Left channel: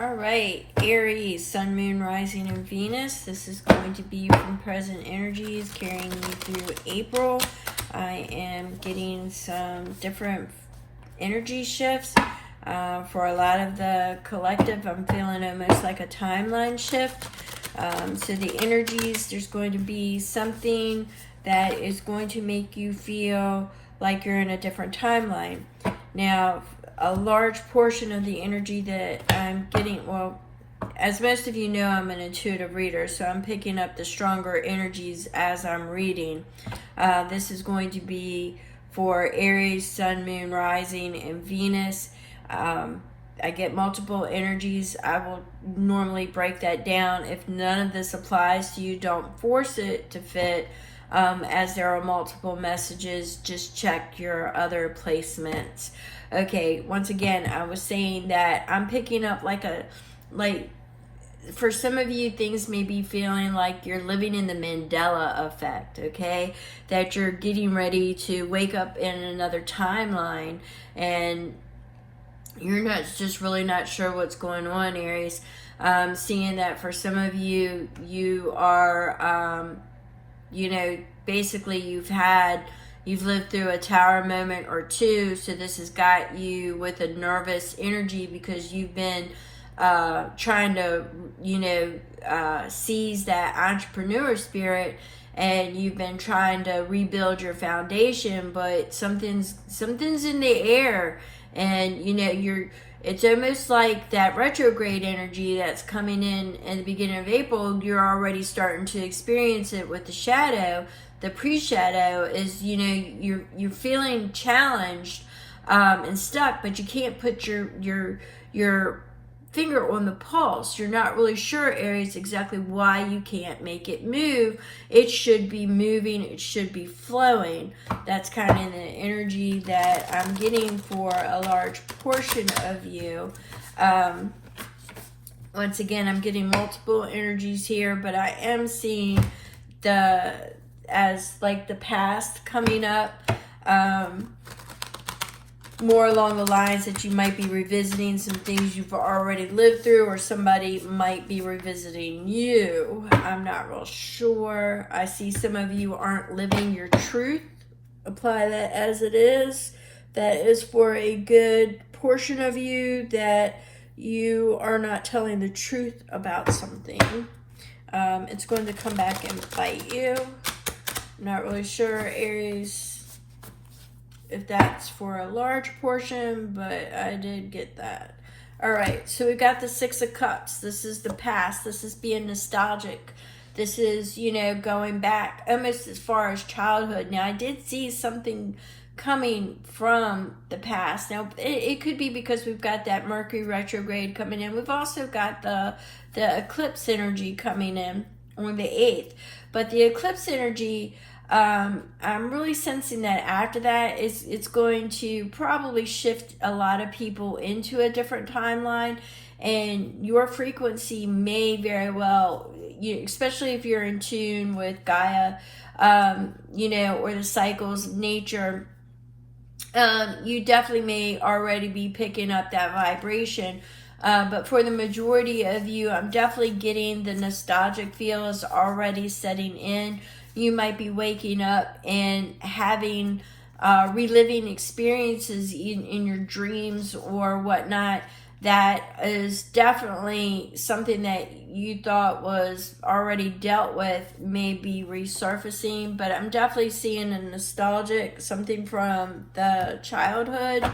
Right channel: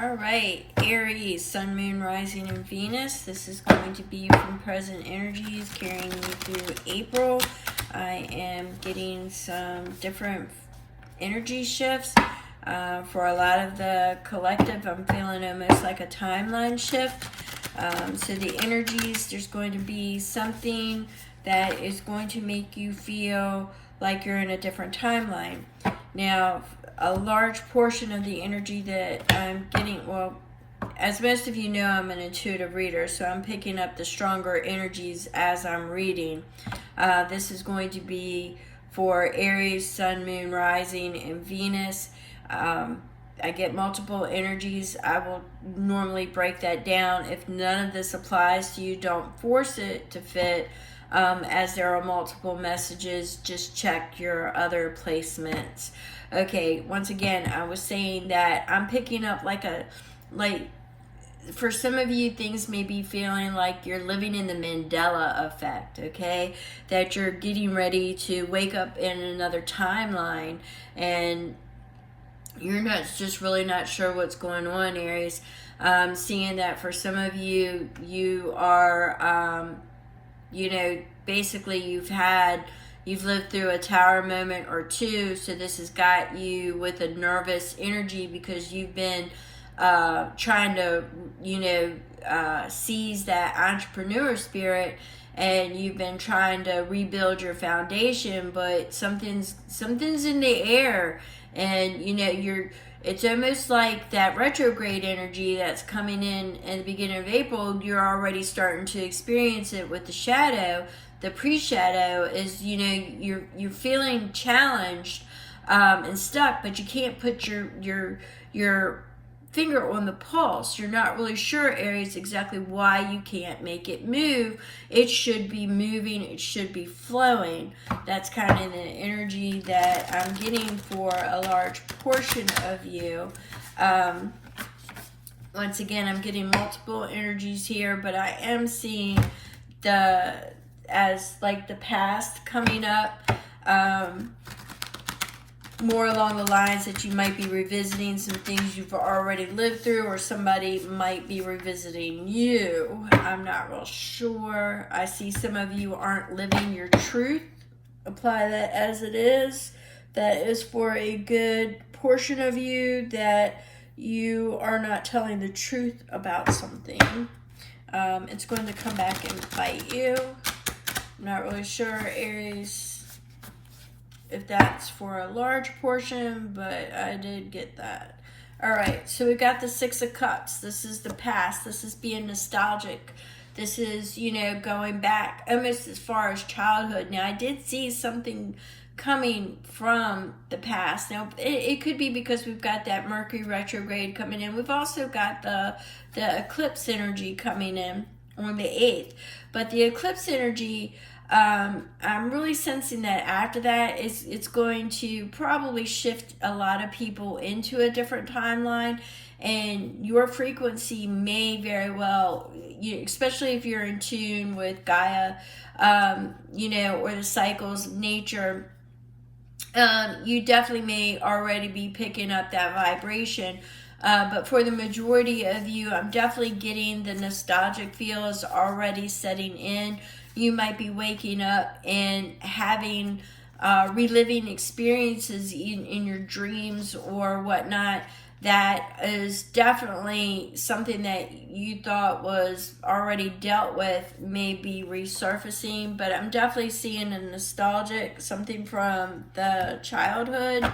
All right, Aries, Sun, Moon, Rising, and Venus. This is going to be from present energies carrying you through April. I am getting some different energy shifts. For a lot of the collective, I'm feeling almost like a timeline shift. So the energies, there's going to be something that is going to make you feel like you're in a different timeline. Now, a large portion of the energy that I'm getting, well, as most of you know, I'm an intuitive reader, so I'm picking up the stronger energies as I'm reading. This is going to be for Aries, Sun, Moon, Rising, and Venus. I get multiple energies. I will normally break that down. If none of this applies to you, don't force it to fit. As there are multiple messages, just check your other placements. Okay, once again, I was saying that I'm picking up for some of you, things may be feeling like you're living in the Mandela effect, okay? That you're getting ready to wake up in another timeline and you're just really not sure what's going on, Aries. Seeing that for some of you, you are, basically you've lived through a tower moment or two, so this has got you with a nervous energy because you've been trying to, seize that entrepreneur spirit, and you've been trying to rebuild your foundation, but something's in the air, and it's almost like that retrograde energy that's coming in at the beginning of April. You're already starting to experience it with the shadow. The pre-shadow is, you're feeling challenged and stuck, but you can't put your finger on the pulse. You're not really sure, Aries, exactly why you can't make it move. It should be moving. It should be flowing. That's kind of the energy that I'm getting for a large portion of you. Once again, I'm getting multiple energies here, but I am seeing the past coming up, more along the lines that you might be revisiting some things you've already lived through, or somebody might be revisiting you. I'm not real sure. I see some of you aren't living your truth. Apply that as it is. That is for a good portion of you, that you are not telling the truth about something. It's going to come back and bite you. I'm not really sure, Aries, if that's for a large portion, but I did get that. All right, so we got the Six of Cups. This is the past. This is being nostalgic. This is, going back almost as far as childhood. Now, I did see something coming from the past. Now, it could be because we've got that Mercury retrograde coming in. We've also got the eclipse energy coming in on the 8th. But the eclipse energy, I'm really sensing that after that, it's going to probably shift a lot of people into a different timeline, and your frequency may very well, especially if you're in tune with Gaia, or the cycles of nature, you definitely may already be picking up that vibration. But for the majority of you, I'm definitely getting the nostalgic feels already setting in. You might be waking up and having reliving experiences in your dreams or whatnot. That is definitely something that you thought was already dealt with, may be resurfacing. But I'm definitely seeing a nostalgic, something from the childhood.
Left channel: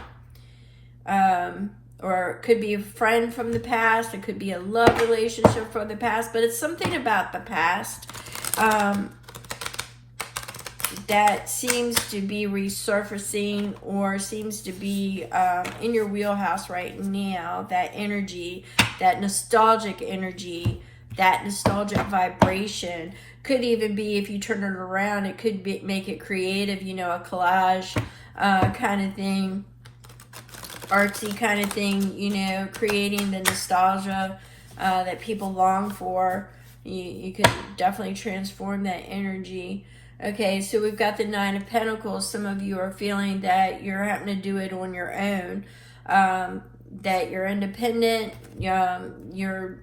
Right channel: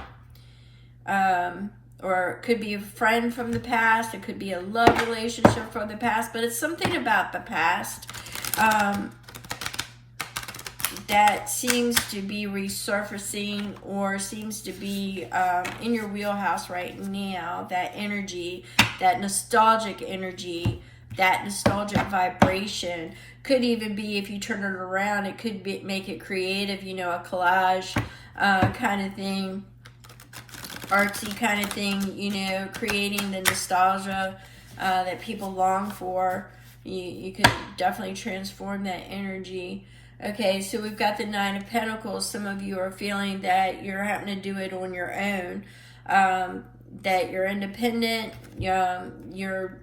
Or it could be a friend from the past. It could be a love relationship from the past. But it's something about the past that seems to be resurfacing, or seems to be in your wheelhouse right now. That energy, that nostalgic energy, that nostalgic vibration. Could even be, if you turn it around, it could make it creative, a collage kind of thing. Artsy kind of thing, creating the nostalgia that people long for. You could definitely transform that energy. Okay, so we've got the Nine of Pentacles. Some of you are feeling that you're having to do it on your own. that you're independent. You're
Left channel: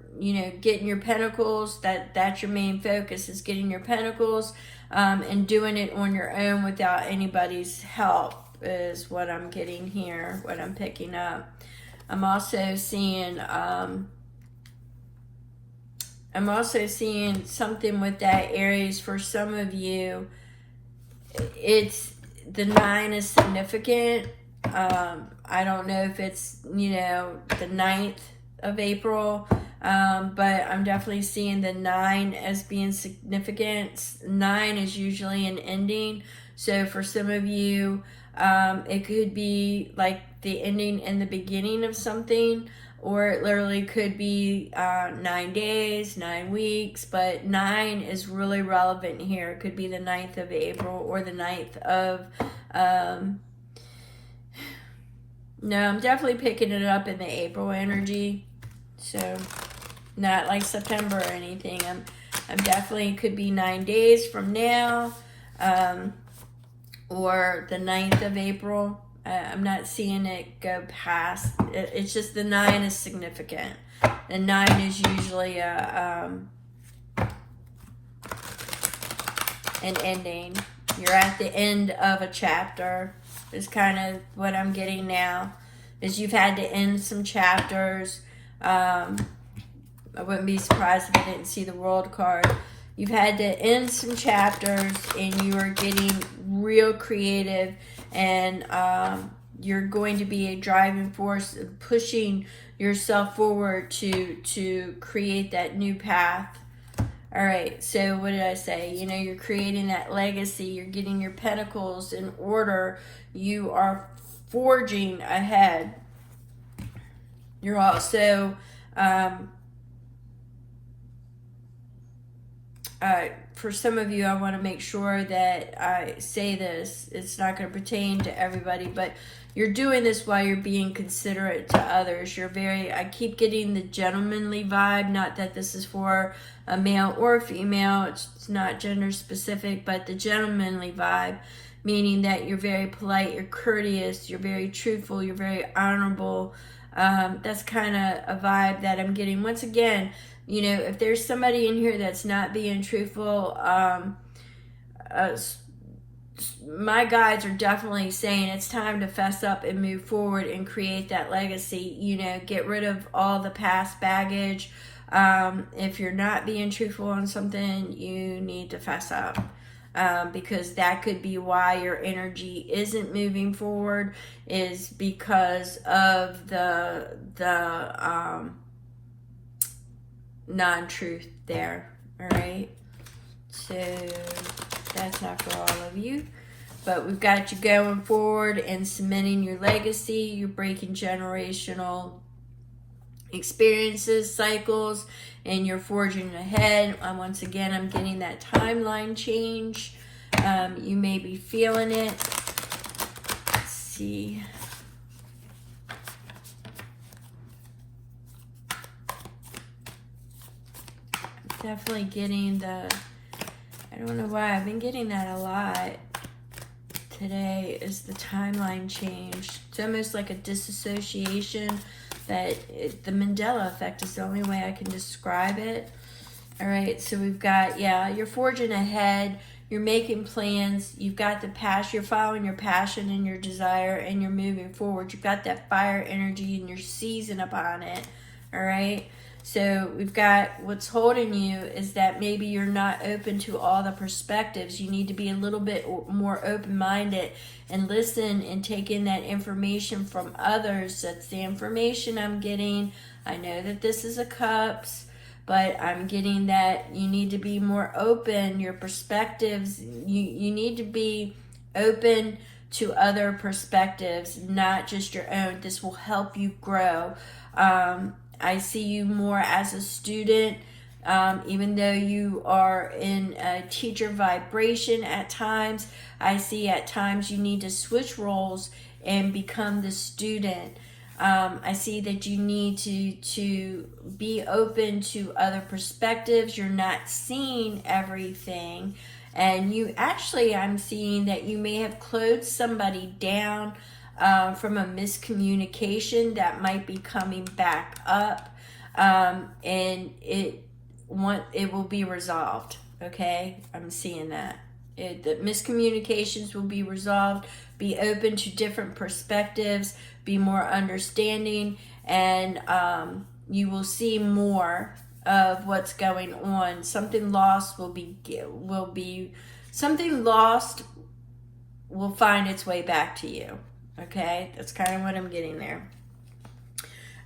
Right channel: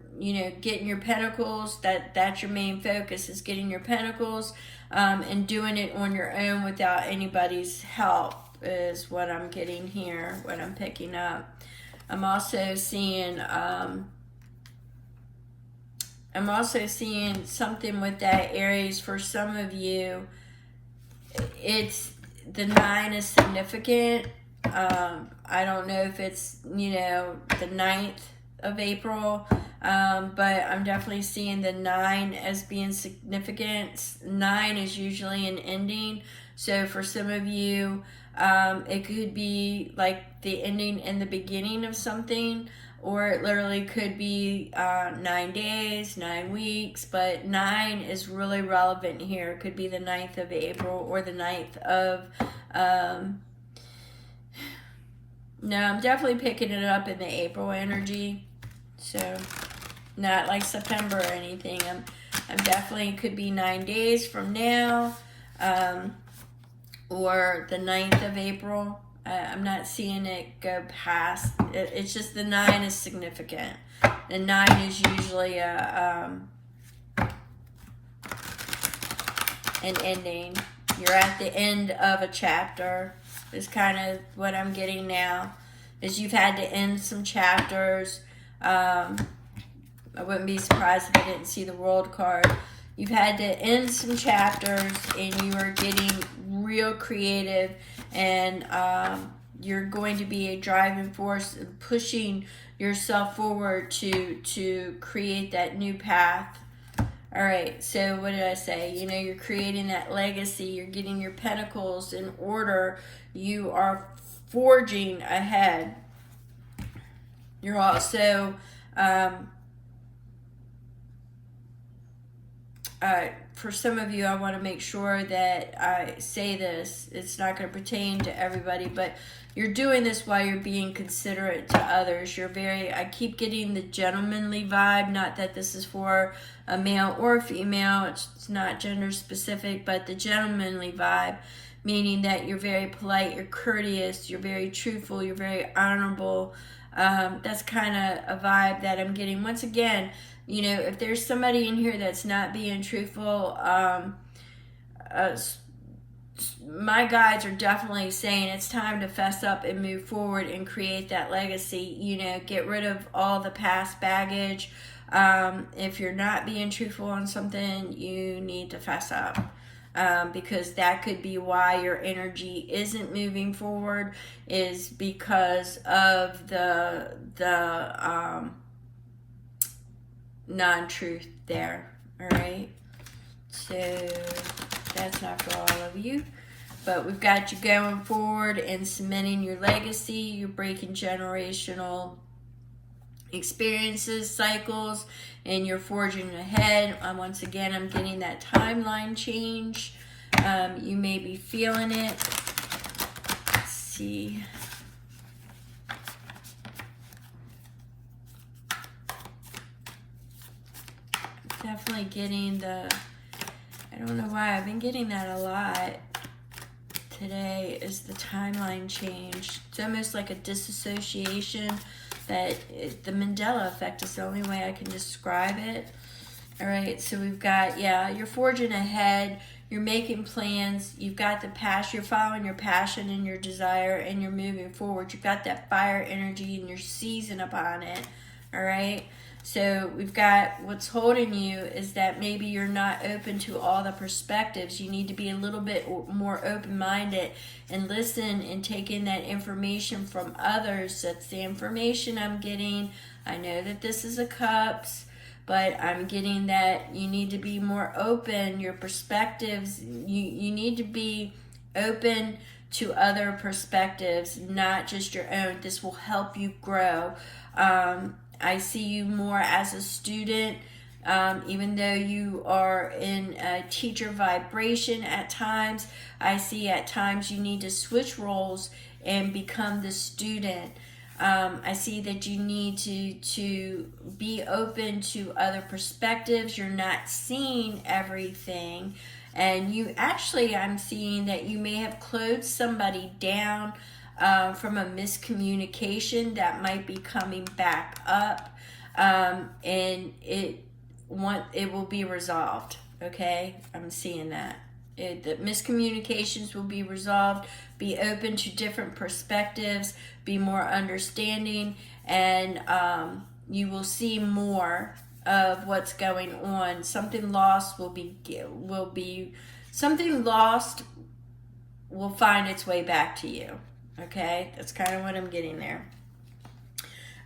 getting your pentacles. That's your main focus, is getting your pentacles, and doing it on your own without anybody's help is what I'm getting here, what I'm picking up. I'm also seeing something with that, Aries. For some of you, it's the 9 is significant. I don't know if it's, the 9th of April, but I'm definitely seeing the 9 as being significant. 9 is usually an ending. So for some of you, it could be like the ending and the beginning of something, or it literally could be 9 days, 9 weeks, but 9 is really relevant here. It could be the 9th of April or the 9th of, no, I'm definitely picking it up in the April energy, so not like September or anything. I'm definitely, could be 9 days from now, or the 9th of April. I'm not seeing it go past. It's just the 9 is significant. The 9 is usually an ending. You're at the end of a chapter is kind of what I'm getting now. Is you've had to end some chapters. I wouldn't be surprised if I didn't see the World card. You've had to end some chapters, and you are getting real creative, and you're going to be a driving force and pushing yourself forward to create that new path. All right, so what did I say? You're creating that legacy. You're getting your pentacles in order. You are forging ahead. You're also for some of you, I want to make sure that I say this. It's not going to pertain to everybody, but you're doing this while you're being considerate to others. I keep getting the gentlemanly vibe, not that this is for a male or a female. It's not gender specific, but the gentlemanly vibe, meaning that you're very polite, you're courteous, you're very truthful, you're very honorable. That's kind of a vibe that I'm getting. Once again, if there's somebody in here that's not being truthful, my guides are definitely saying it's time to fess up and move forward and create that legacy. Get rid of all the past baggage. If you're not being truthful on something, you need to fess up. Because that could be why your energy isn't moving forward, is because of the non-truth there. All right, so that's not for all of you, but we've got you going forward and cementing your legacy. You're breaking generational experiences, cycles, and you're forging ahead. Once again, I'm getting that timeline change. You may be feeling it. Let's see. Definitely getting I don't know why, I've been getting that a lot today, is the timeline change. It's almost like a disassociation, but the Mandela effect is the only way I can describe it. All right, so we've got, you're forging ahead, you're making plans, you've got the passion, you're following your passion and your desire, and you're moving forward. You've got that fire energy and you're seizing upon it. All right, so we've got, what's holding you is that maybe you're not open to all the perspectives. You need to be a little bit more open-minded and listen and take in that information from others. That's the information I'm getting. I know that this is a cups, but I'm getting that you need to be more open. Your perspectives, you need to be open to other perspectives, not just your own. This will help you grow. I see you more as a student, even though you are in a teacher vibration at times. I see at times you need to switch roles and become the student. I see that you need to be open to other perspectives. You're not seeing everything. And you actually, I'm seeing that you may have closed somebody down from a miscommunication that might be coming back up, and it will be resolved. Okay, I'm seeing that. The miscommunications will be resolved. Be open to different perspectives. Be more understanding, and you will see more of what's going on. Something lost will find its way back to you. Okay, that's kind of what I'm getting there.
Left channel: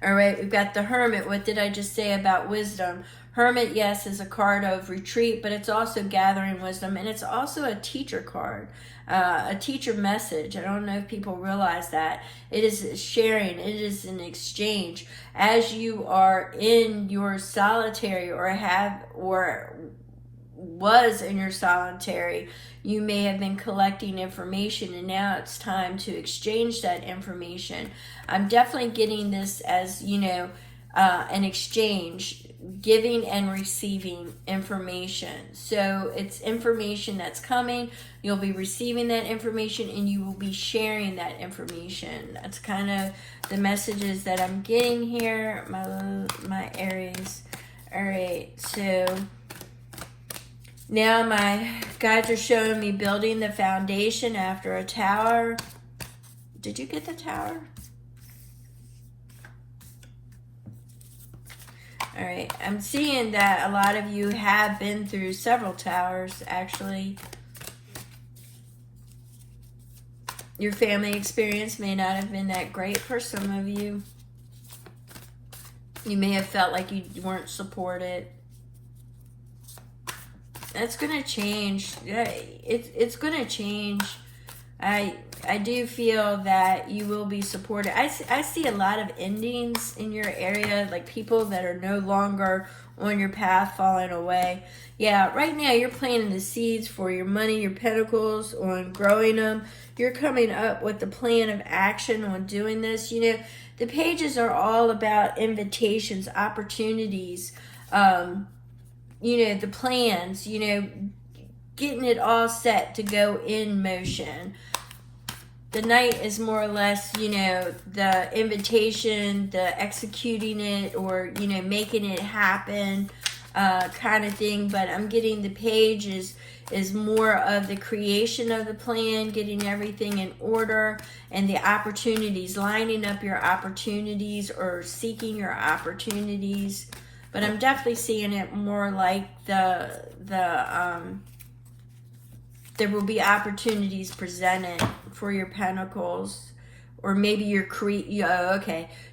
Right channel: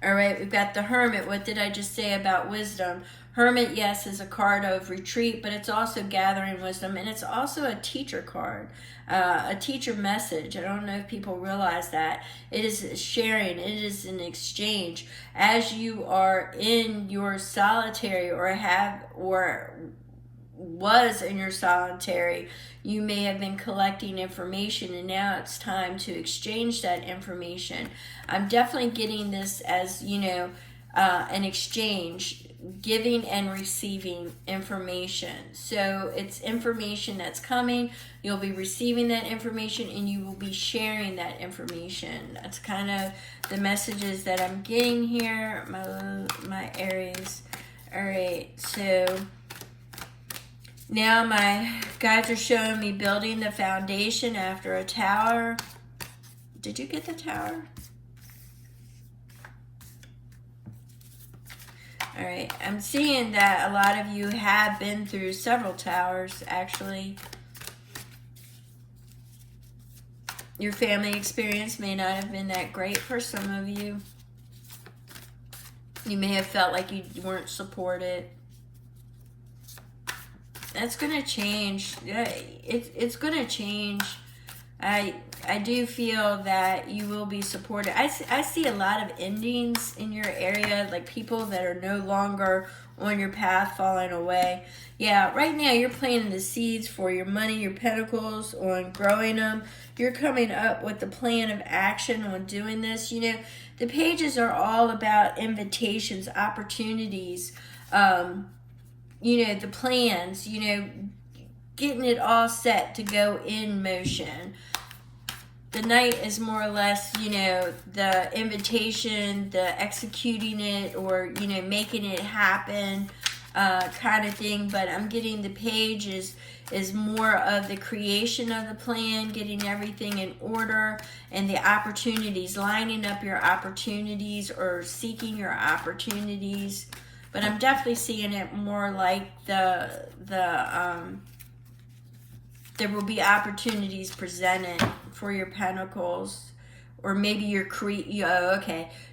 All right, we've got the Hermit. What did I just say about wisdom? Hermit, yes, is a card of retreat, but it's also gathering wisdom, and it's also a teacher card, a teacher message. I don't know if people realize that. It is sharing. It is an exchange. As you are in your solitary or was in your solitary, you may have been collecting information, and now it's time to exchange that information. I'm definitely getting this as, an exchange, giving and receiving information. So it's information that's coming. You'll be receiving that information, and you will be sharing that information. That's kind of the messages that I'm getting here, my Aries. All right, so now my guides are showing me building the foundation after a tower. Did you get the tower? All right, I'm seeing that a lot of you have been through several towers, actually. Your family experience may not have been that great for some of you. You may have felt like you weren't supported. That's going to change. It's going to change. I do feel that you will be supported. I see a lot of endings in your area, like people that are no longer on your path falling away. Yeah, right now you're planting the seeds for your money, your pentacles, on growing them. You're coming up with the plan of action on doing this. The pages are all about invitations, opportunities, the plans, getting it all set to go in motion. The Knight is more or less, the invitation, the executing it, or, making it happen kind of thing. But I'm getting the Page is more of the creation of the plan, getting everything in order, and the opportunities, lining up your opportunities or seeking your opportunities. But I'm definitely seeing it more like there will be opportunities presented for your pentacles, or maybe you're creating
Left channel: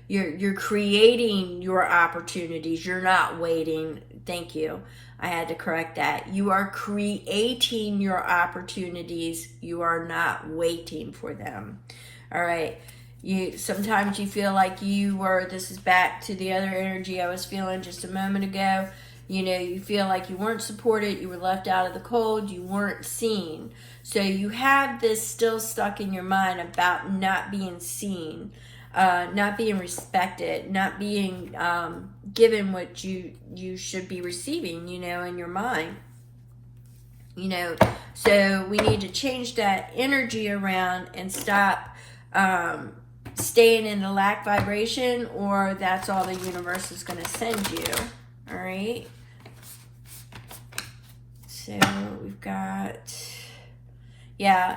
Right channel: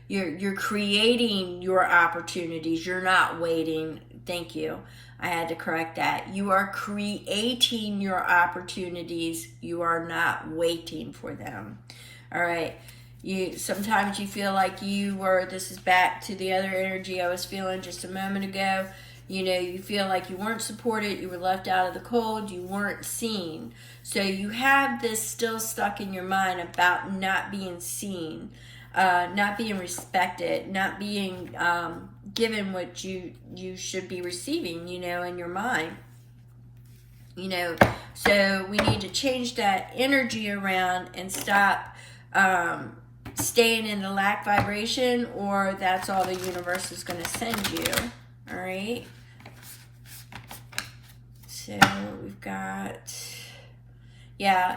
your opportunities. You're not waiting. Thank you. I had to correct that. You are creating your opportunities. You are not waiting for them. All right. Sometimes you feel like this is back to the other energy I was feeling just a moment ago. You feel like you weren't supported, you were left out of the cold, you weren't seen. So you have this still stuck in your mind about not being seen, not being respected, not being given what you should be receiving, in your mind. So we need to change that energy around and stop staying in the lack vibration, or that's all the universe is going to send you. All right. So we've got,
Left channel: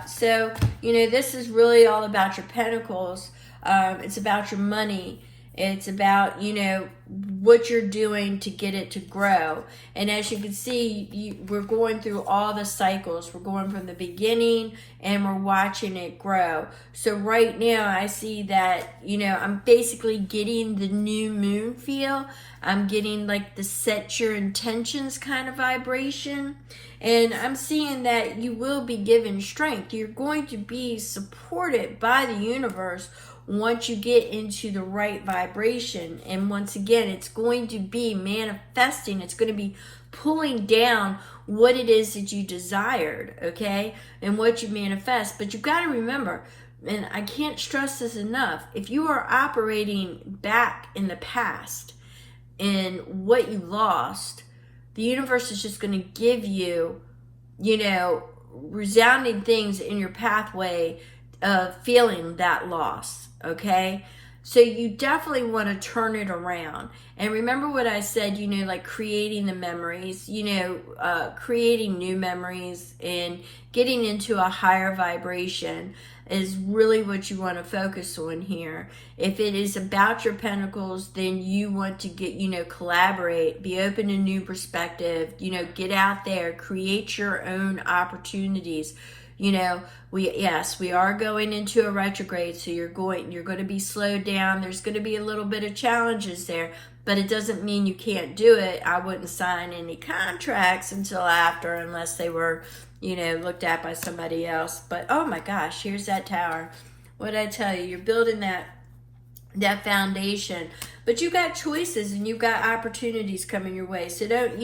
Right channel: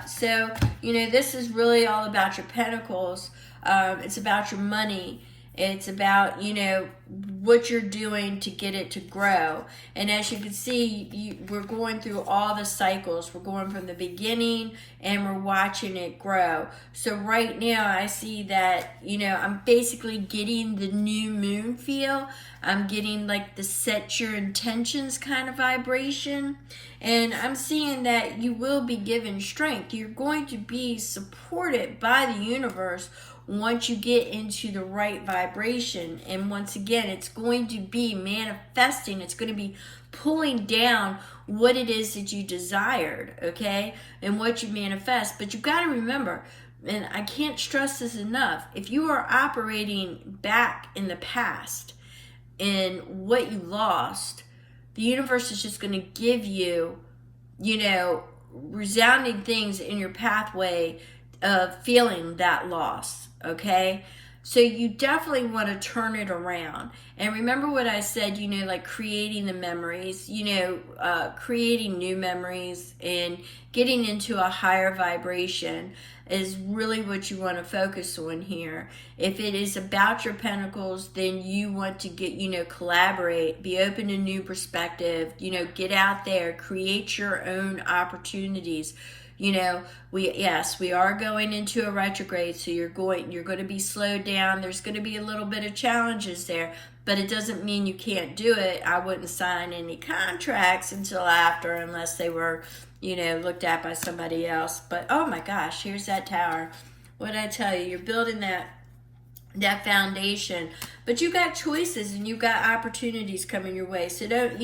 so, this is really all about your pentacles. It's about your money. It's about, what you're doing to get it to grow. And as you can see, we're going through all the cycles. We're going from the beginning and we're watching it grow. So right now I see that, I'm basically getting the new moon feel. I'm getting like the set your intentions kind of vibration. And I'm seeing that you will be given strength. You're going to be supported by the universe once you get into the right vibration. And once again, it's going to be manifesting. It's going to be pulling down what it is that you desired, okay? And what you manifest. But you've got to remember, and I can't stress this enough, if you are operating back in the past and what you lost, the universe is just going to give you, resounding things in your pathway feeling that loss, okay? So you definitely want to turn it around. And remember what I said, like creating the memories, creating new memories and getting into a higher vibration is really what you want to focus on here. If it is about your pentacles, then you want to get, collaborate, be open to new perspective, get out there, create your own opportunities. We are going into a retrograde, so you're going to be slowed down. There's going to be a little bit of challenges there, but it doesn't mean you can't do it. I wouldn't sign any contracts until after, unless they were, looked at by somebody else. But oh my gosh, here's that tower. What did I tell you? You're building that foundation, but you got choices and you got opportunities coming your way. So don't,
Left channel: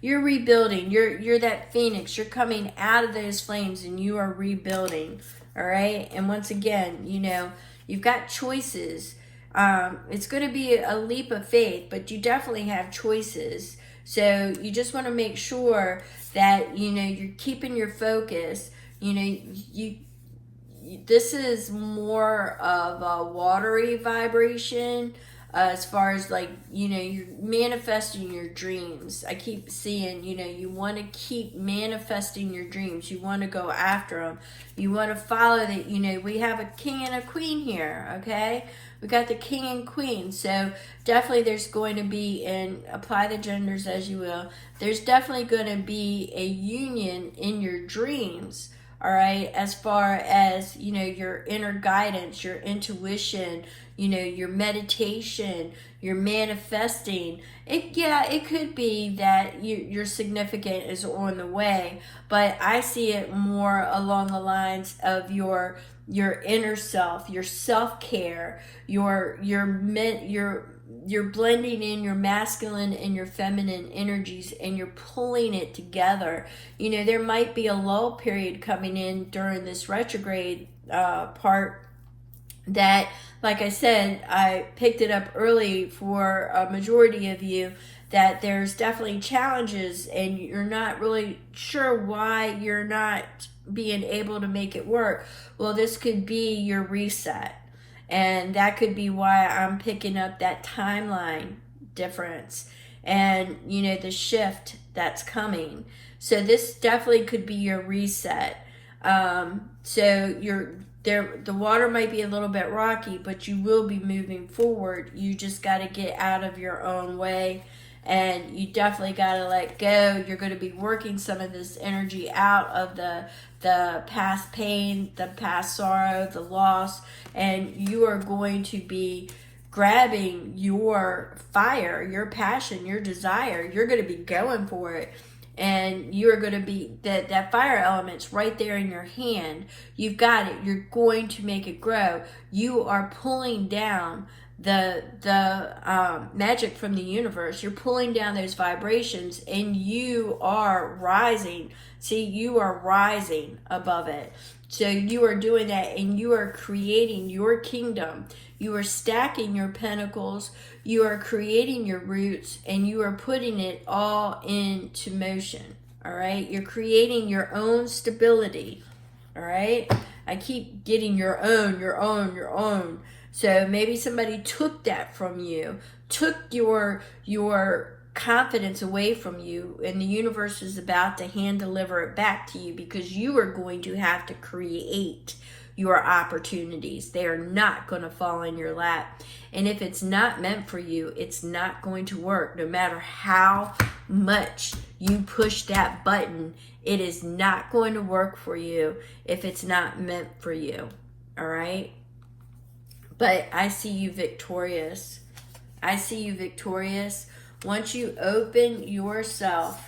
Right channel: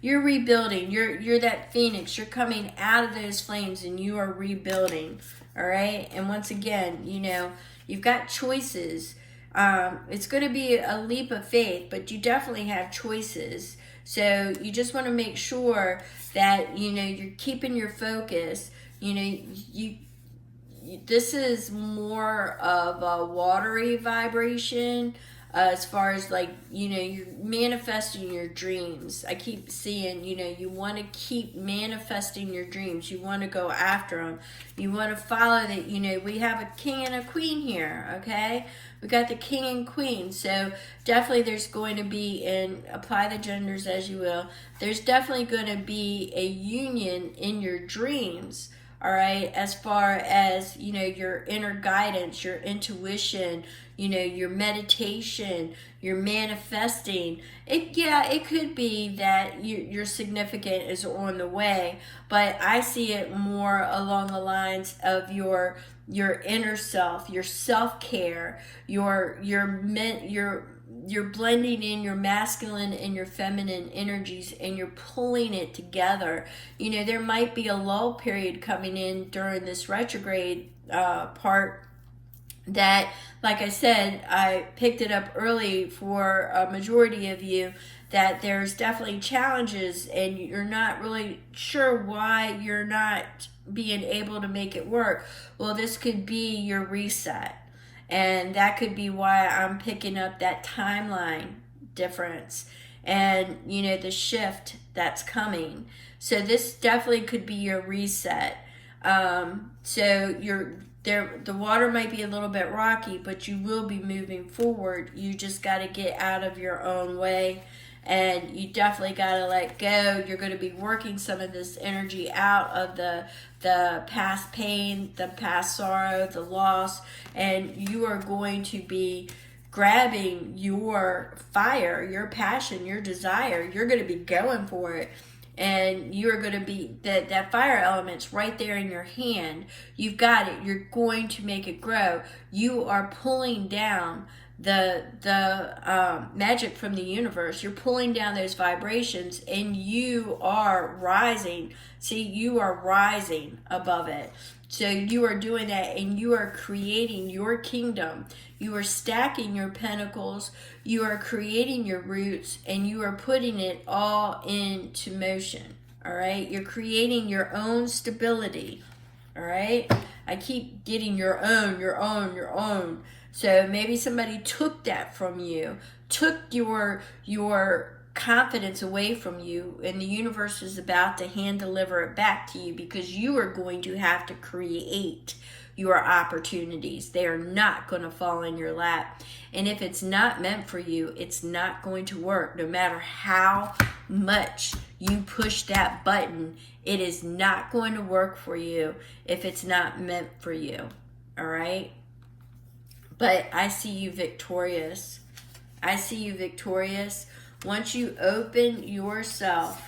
you're rebuilding. You're that phoenix. You're coming out of those flames and you are rebuilding. All right. And once again, you've got choices. It's going to be a leap of faith, but you definitely have choices. So you just want to make sure that, you're keeping your focus. This is more of a watery vibration, as far as you're manifesting your dreams. I keep seeing, you want to keep manifesting your dreams. You want to go after them. You want to follow that. We have a king and a queen here, okay? We got the king and queen. So definitely there's going to be, and apply the genders as you will, there's definitely going to be a union in your dreams. All right, as far as, your inner guidance, your intuition, your meditation, your manifesting. It could be that your significant is on the way, but I see it more along the lines of your inner self, your self-care, you're blending in your masculine and your feminine energies and you're pulling it together. There might be a lull period coming in during this retrograde part that, like I said, I picked it up early for a majority of you, that there's definitely challenges and you're not really sure why you're not being able to make it work. Well, this could be your reset. And that could be why I'm picking up that timeline difference and, the shift that's coming. So this definitely could be your reset. So the water might be a little bit rocky, but you will be moving forward. You just got to get out of your own way, and you definitely got to let go. You're going to be working some of this energy out of the past pain, the past sorrow, the loss, and you are going to be grabbing your fire, your passion, your desire. You're going to be going for it. And you're going to be, that fire element's right there in your hand. You've got it. You're going to make it grow. You are pulling down the magic from the universe. You're pulling down those vibrations and you are rising. See, you are rising above it. So you are doing that and you are creating your kingdom. You are stacking your pentacles. You are creating your roots and you are putting it all into motion. All right. You're creating your own stability. All right. I keep getting your own. So maybe somebody took that from you, took your confidence away from you, and the universe is about to hand deliver it back to you because you are going to have to create your opportunities. They are not going to fall in your lap. And if it's not meant for you, it's not going to work. No matter how much you push that button, it is not going to work for you if it's not meant for you. All right? But I see you victorious. I see you victorious. Once you open yourself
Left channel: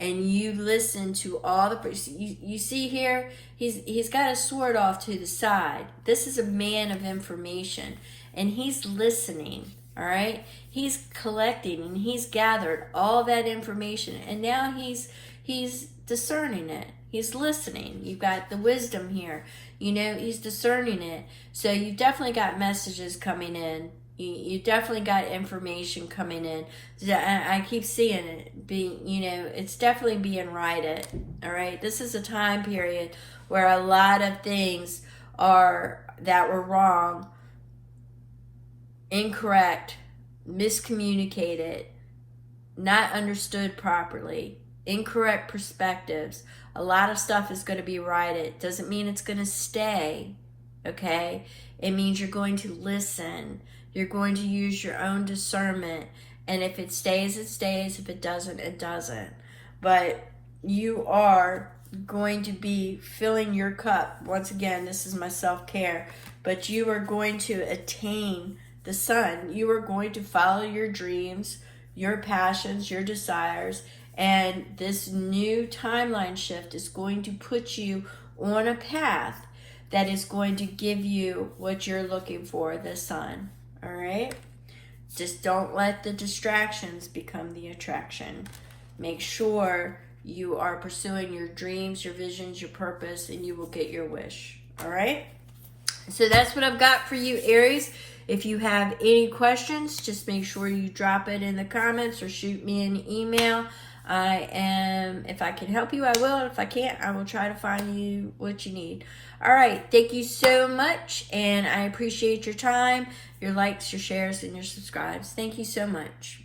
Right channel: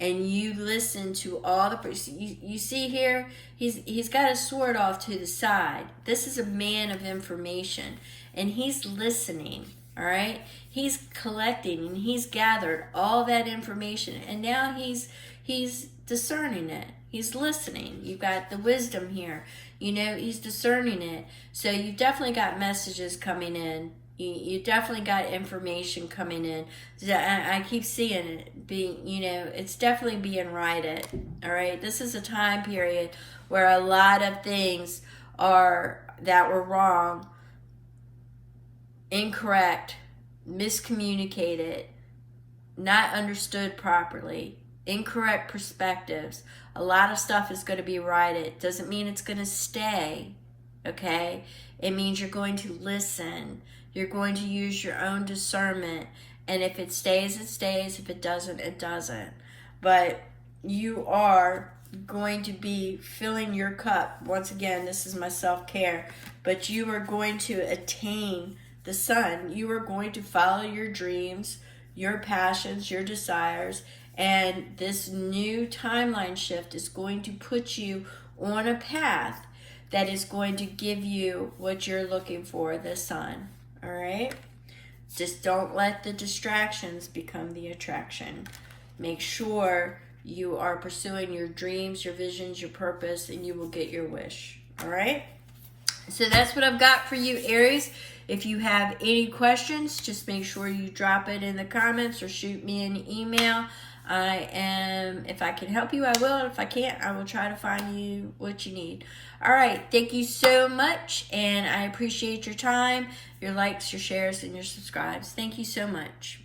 and you listen to all the, you see here, he's got a sword off to the side. This is a man of information, and he's listening. All right, he's collecting and he's gathered all that information, and now he's discerning it. He's listening. You've got the wisdom here. He's discerning it. So you've definitely got messages coming in. You definitely got information coming in. I keep seeing it being, it's definitely being righted. All right. This is a time period where a lot of things that were wrong, incorrect, miscommunicated, not understood properly, incorrect perspectives. A lot of stuff is going to be righted. Doesn't mean it's going to stay, okay? It means you're going to listen. You're going to use your own discernment. And if it stays, it stays. If it doesn't, it doesn't. But you are going to be filling your cup. Once again, this is my self-care. But you are going to attain the sun. You are going to follow your dreams, your passions, your desires. And this new timeline shift is going to put you on a path that is going to give you what you're looking for, the sun. All right? Just don't let the distractions become the attraction. Make sure you are pursuing your dreams, your visions, your purpose, and you will get your wish. All right? So that's what I've got for you, Aries. If you have any questions, just make sure you drop it in the comments or shoot me an email. If I can help you, I will. If I can't, I will try to find you what you need. All right. Thank you so much. And I appreciate your time, your likes, your shares, and your subscribes. Thank you so much.